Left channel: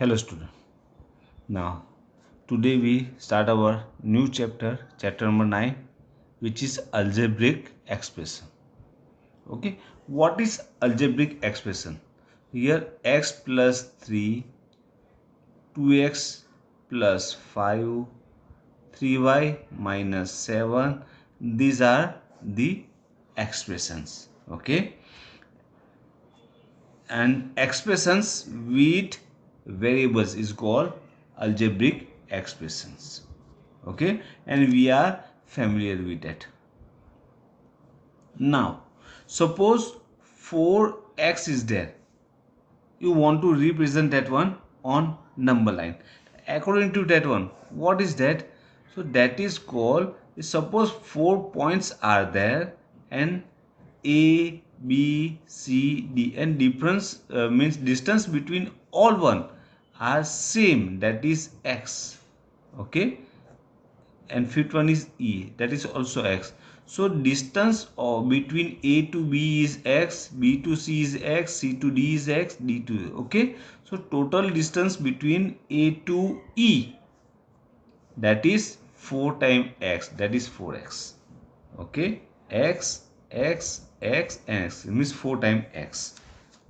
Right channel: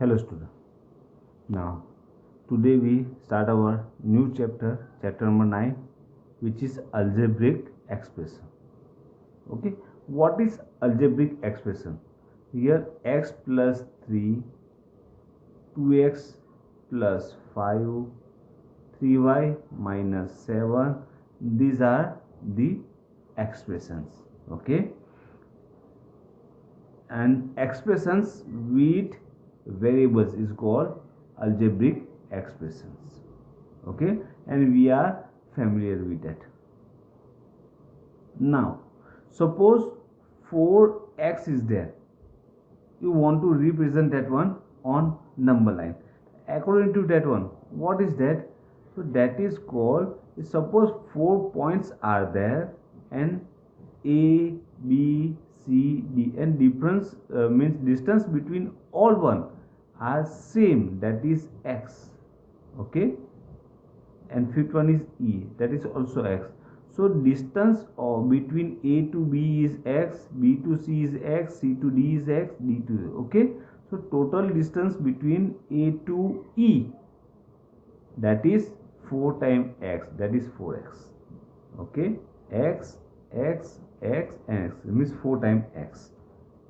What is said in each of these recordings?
Hello student. Now today we start our new chapter number 9, which is algebraic expression. Okay, what is algebraic expression? Here x plus 3, 2x plus 5, 3y minus 7, these are the expressions. Okay, and expressions with variables is called algebraic expressions. Okay, and we are familiar with that. Now suppose 4x is there, you want to represent that one on number line. According to that one, what is that? So that is called, suppose 4 points are there and a b c d, and difference means distance between all one are same, that is x. Okay, and fifth one is e, that is also x. So distance between a to b is x, b to c is x, c to d is x, d to a. Okay, so total distance between a to e, that is 4 times x, that is 4x. Okay, x x x and x means 4 times x.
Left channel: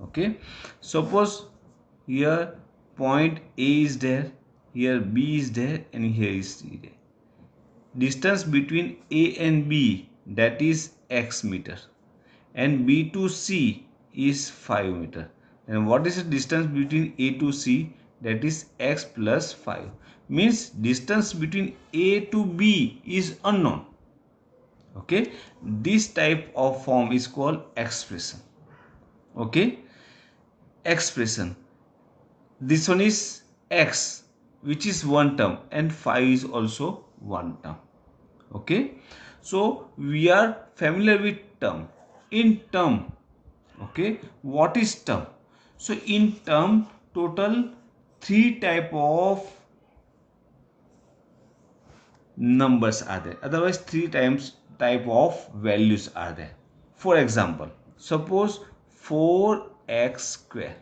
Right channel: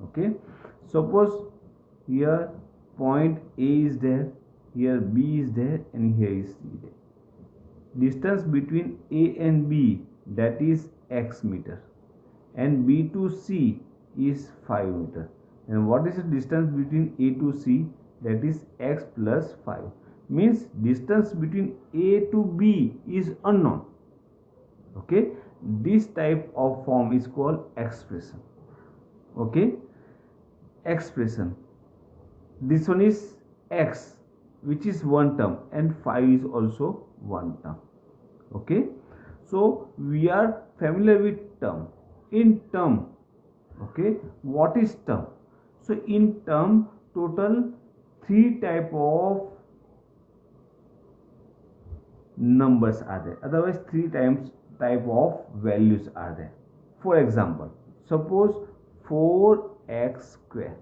Okay, suppose here point a is there, here b is there, and here is c there. Distance between A and B, that is x meter, and B to C is 5 meter. And what is the distance between A to C? That is x plus 5. Means distance between A to B is unknown. Okay, this type of form is called expression. Okay, expression. This one is x, which is one term, and 5 is also one term. Okay, so we are familiar with term. In term, okay, what is term? So in term, total 3 type of numbers are there, otherwise 3 times type of values are there. For example, suppose 4x square.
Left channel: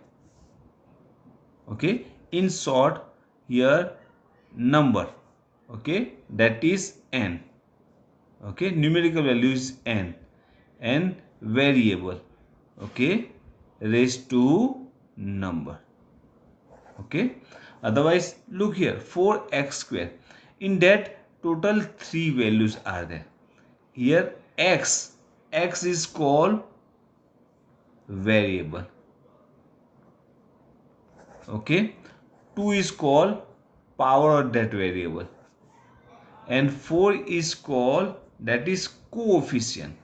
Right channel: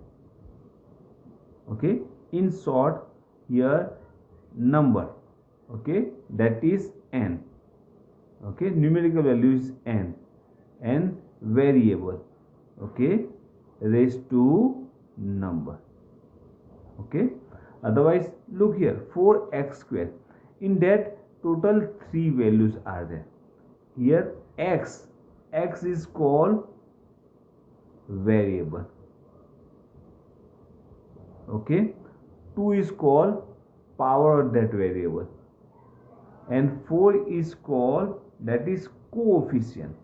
Okay, in short, here number, okay, that is n. Okay, numerical value is n, and variable, okay, raised to number. Okay, otherwise look here, 4x square, in that total 3 values are there. Here x is called variable. Okay, 2 is called power of that variable, and 4 is called, that is coefficient,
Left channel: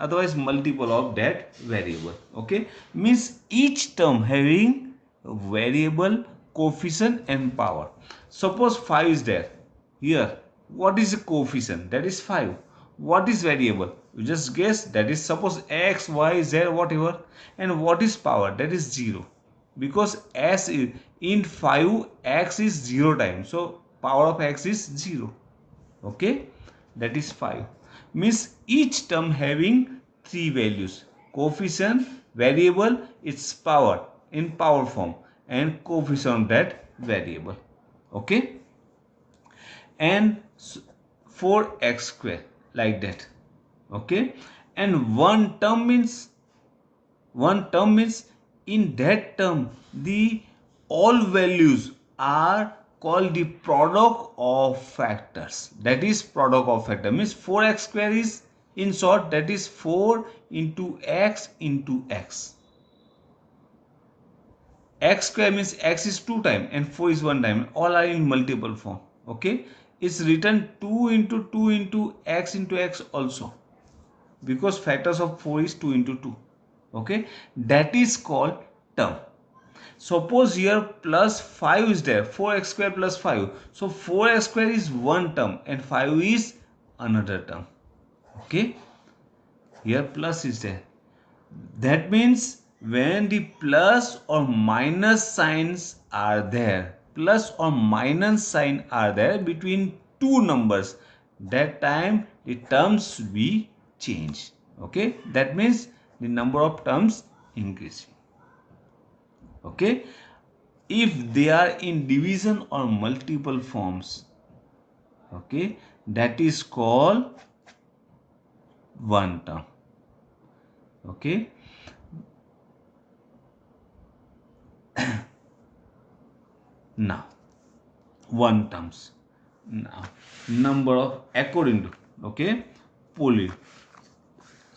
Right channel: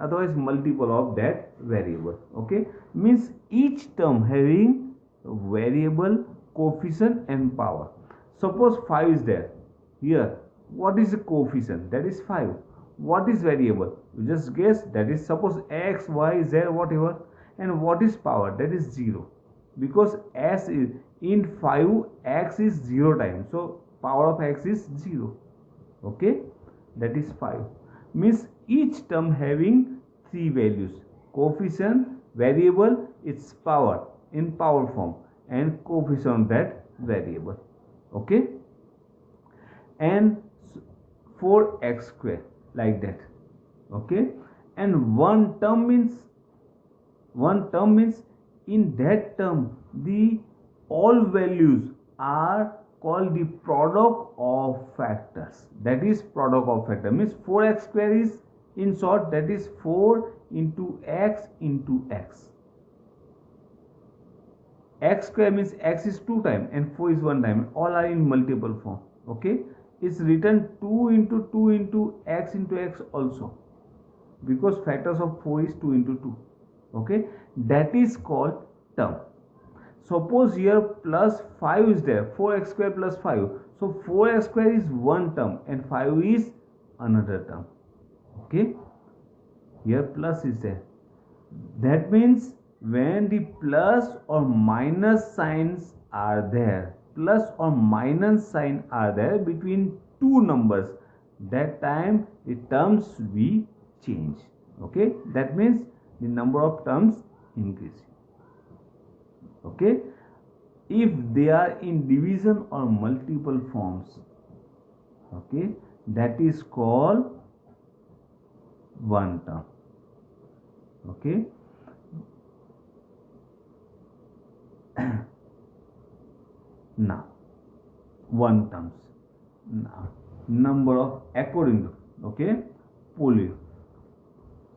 otherwise multiple of that variable. Okay, means each term having variable, coefficient, and power. Suppose 5 is there. Here what is the coefficient? That is 5. What is variable? You just guess, that is suppose x, y, z, whatever. And what is power? That is 0, because s is in 5, x is 0 times, so power of x is 0. Okay, that is 5. Means each term having 3 values: coefficient, variable, its power in power form, and coefficient of that variable. Okay, and 4x square, like that. Okay, and one term means in that term the all values are called the product of factors. That is product of factor, means 4x square is, in short, that is 4 into x into x. X square means x is 2 times and 4 is 1 time, all are in multiple form. Okay, it's written 2 into x also, because factors of 4 is 2 into 2. Okay, that is called term. Suppose here plus 5 is there, 4x square plus 5, so 4x square is one term and 5 is another term. Okay, here plus is there, that means when the plus or minus signs are there, plus or minus sign are there between two numbers, that time the terms should be changed. Okay, that means the number of terms increasing. Okay, if they are in division or multiple forms, okay, that is called one term. Okay, now one terms. Now number of according to, okay, poly.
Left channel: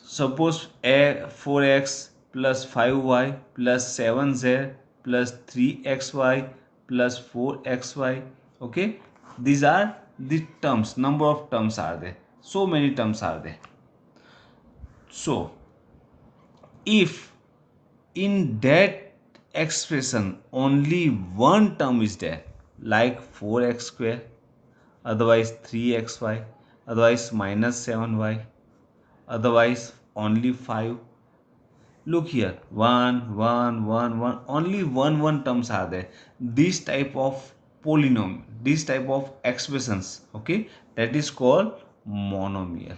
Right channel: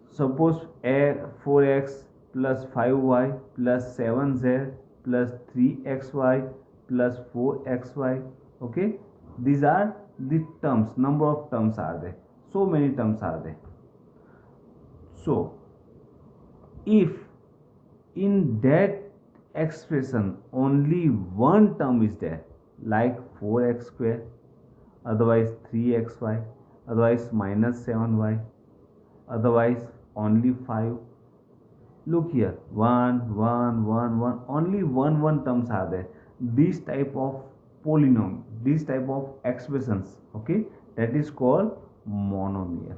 Suppose a 4x plus 5y plus 7z plus 3xy plus 4xy. Okay, these are the terms. Number of terms are there. So many terms are there. So if in that expression only one term is there, like 4x square, otherwise 3xy, otherwise minus 7y, otherwise only 5. Look here, 1 1 1 1, only one terms are there. This type of polynomial, this type of expressions, okay, that is called monomial.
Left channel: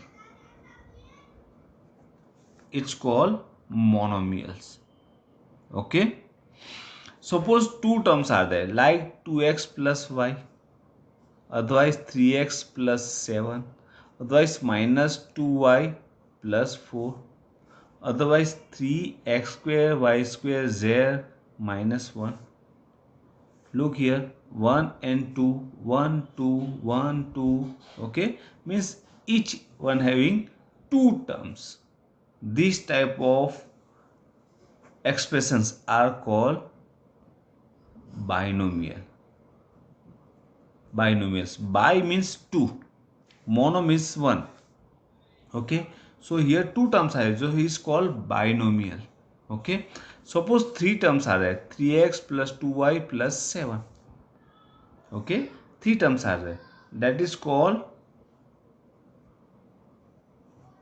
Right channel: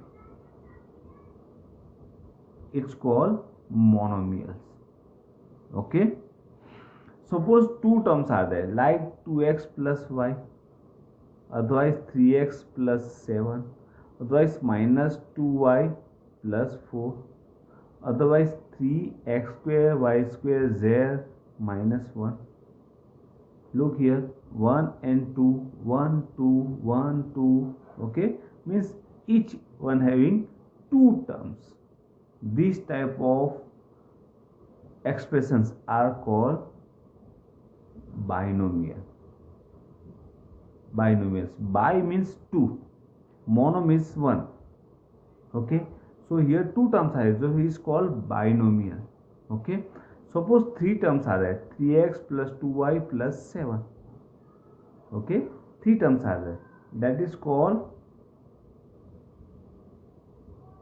It's called monomials. Okay, suppose two terms are there, like 2x plus y, otherwise 3x plus 7, otherwise minus 2y plus 4, otherwise 3x square y square z minus 1. Look here, 1 and 2, 1 2 1 2. Okay, means each one having two terms. This type of expressions are called binomial. Binomials. Bi means two, mono means one. Okay, so here two terms are there, so he is called binomial. Okay, suppose three terms are there, 3x plus 2y plus 7. Okay, three terms are there, that is called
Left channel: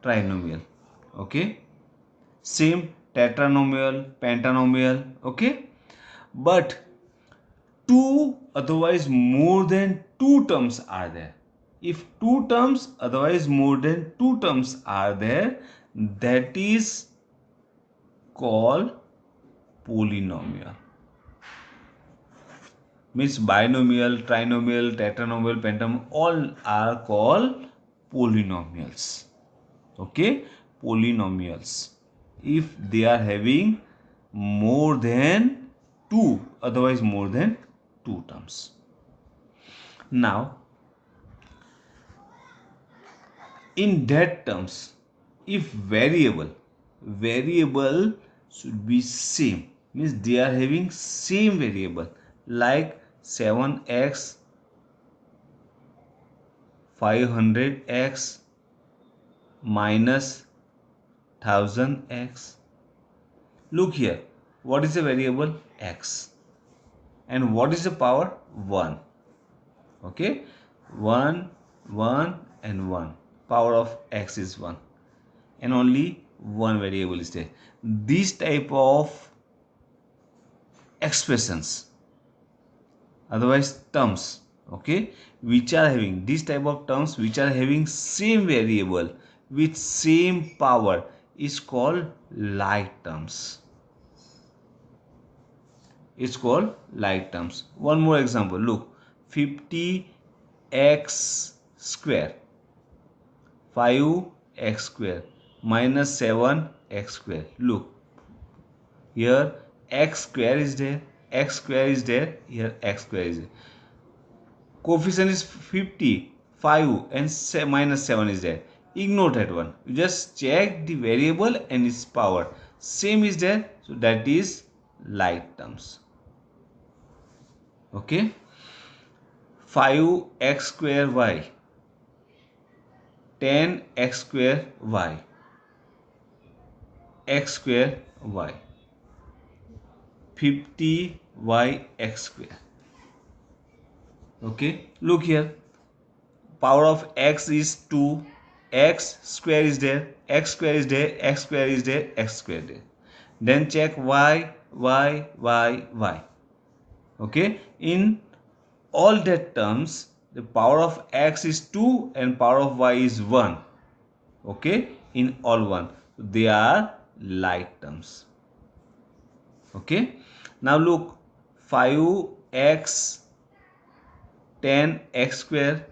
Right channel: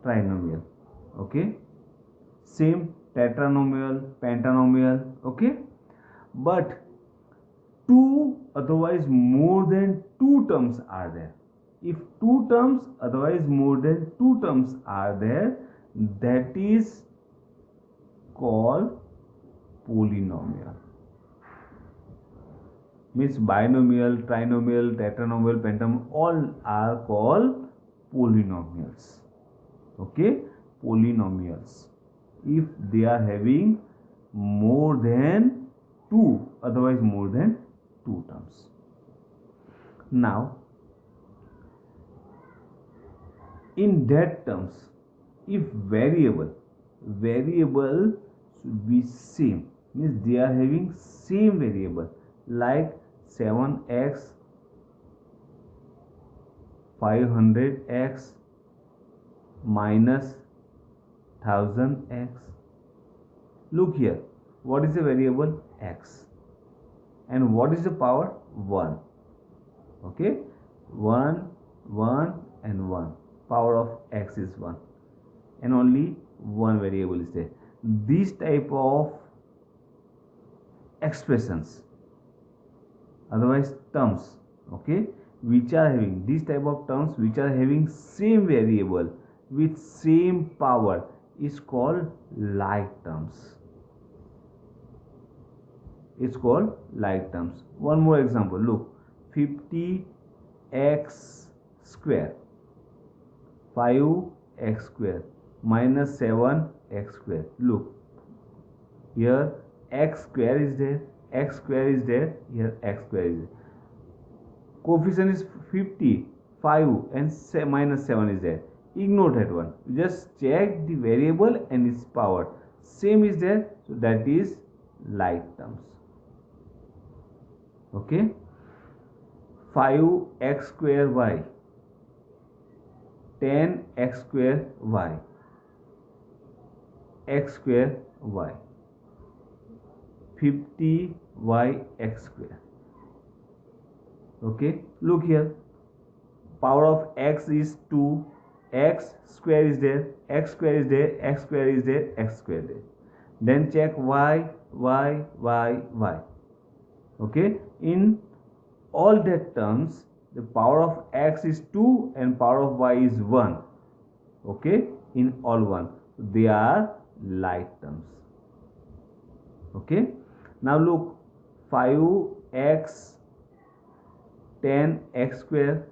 trinomial. Okay, same tetranomial, pentanomial. Okay, but two otherwise more than two terms are there. If two terms otherwise more than two terms are there, that is called polynomial. Means binomial, trinomial, tetranomial, pentanomial, all are called polynomials. Okay, polynomials if they are having more than two, otherwise more than two terms. Now in that terms, if variable should be same, means they are having same variable, like 7x 500x minus 1000x. Look here, what is the variable? X. And what is the power? 1. Okay, 1 1 and 1, power of x is 1, and only one variable is there. This type of expressions, otherwise terms, okay, which are having this type of terms which are having same variable with same power is called like terms. It's called like terms. One more example, look, 50x square, 5x square minus 7x square. Look here, x square is there, x square is there, here x square is there. Coefficient is 50, 5 and minus 7 is there. Ignore that one. You just check the variable and its power. Same is there, so that is like terms. Okay, 5x square y, 10x square y, x square y, 50y x square. Okay, look here, power of x is 2, x square is there, x square is there, x square is there, x square there. Then check y, y, y, y. Okay, in all that terms, the power of x is 2 and power of y is 1. Okay, in all one, they are like terms. Okay. Now look, 5x 10x square,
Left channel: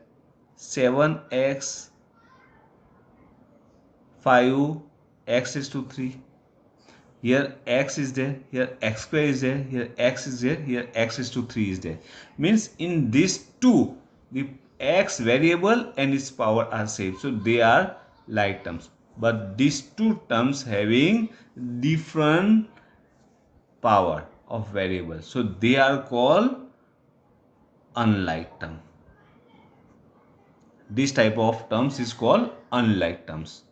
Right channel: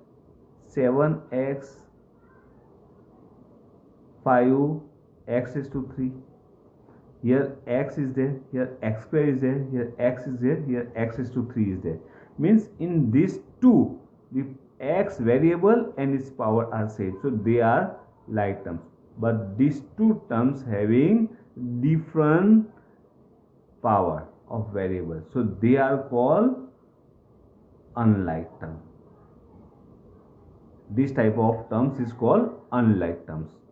7x 5x is to 3. Here x is there, here x square is there, here x is there, here x is to 3 is there. Means in these two, the x variable and its power are same. So they are like terms. But these two terms having different power of variable. So they are called unlike term. This type of terms is called unlike terms.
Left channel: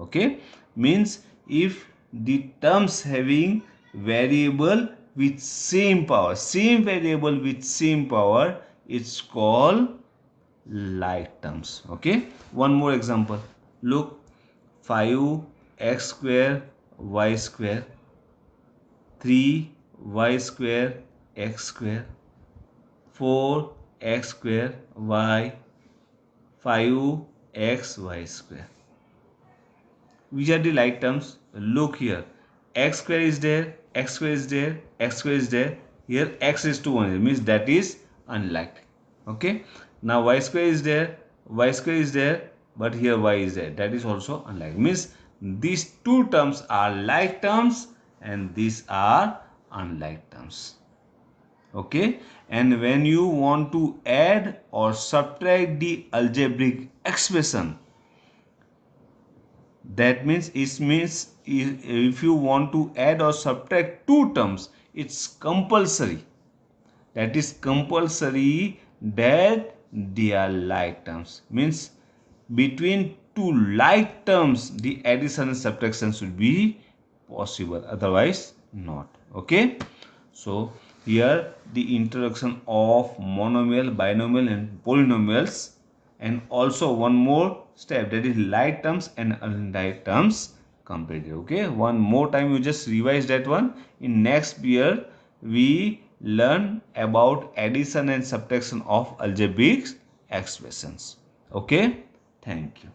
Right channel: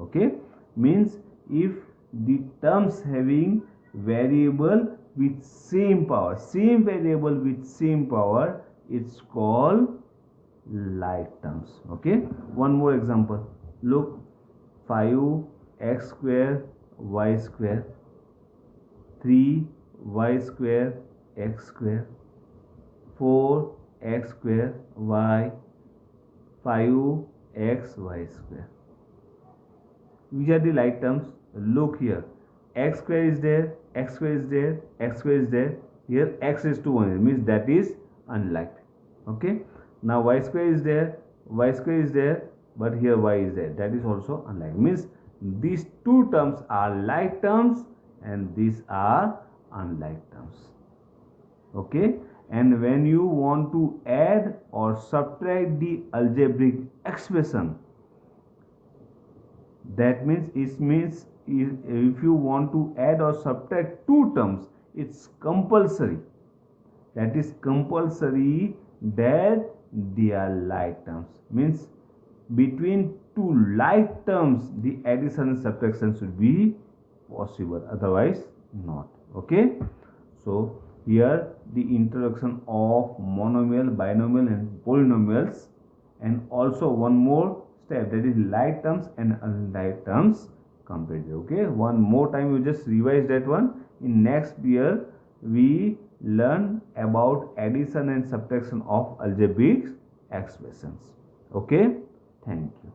Okay, means if the terms having variable with same power, same variable with same power, it's called like terms. Okay, one more example. Look, 5x square y square, 3y square x square, 4x square y, 5xy square. Which are the like terms? Look here, x square is there, x square is there, x square is there. Here x is to 1, it means that is unlike. Okay, now y square is there, y square is there, but here y is there, that is also unlike. Means these two terms are like terms and these are unlike terms. Okay, and when you want to add or subtract the algebraic expression, that means if you want to add or subtract two terms, it's compulsory. That is compulsory that they are like terms. Means between two like terms, the addition and subtraction should be possible. Otherwise, not. Okay. So here the introduction of monomial, binomial, and polynomials, and also one more step, that is like terms and unlike terms completed. Okay, one more time you just revise that one. In next year we learn about addition and subtraction of algebraic expressions. Okay, thank you.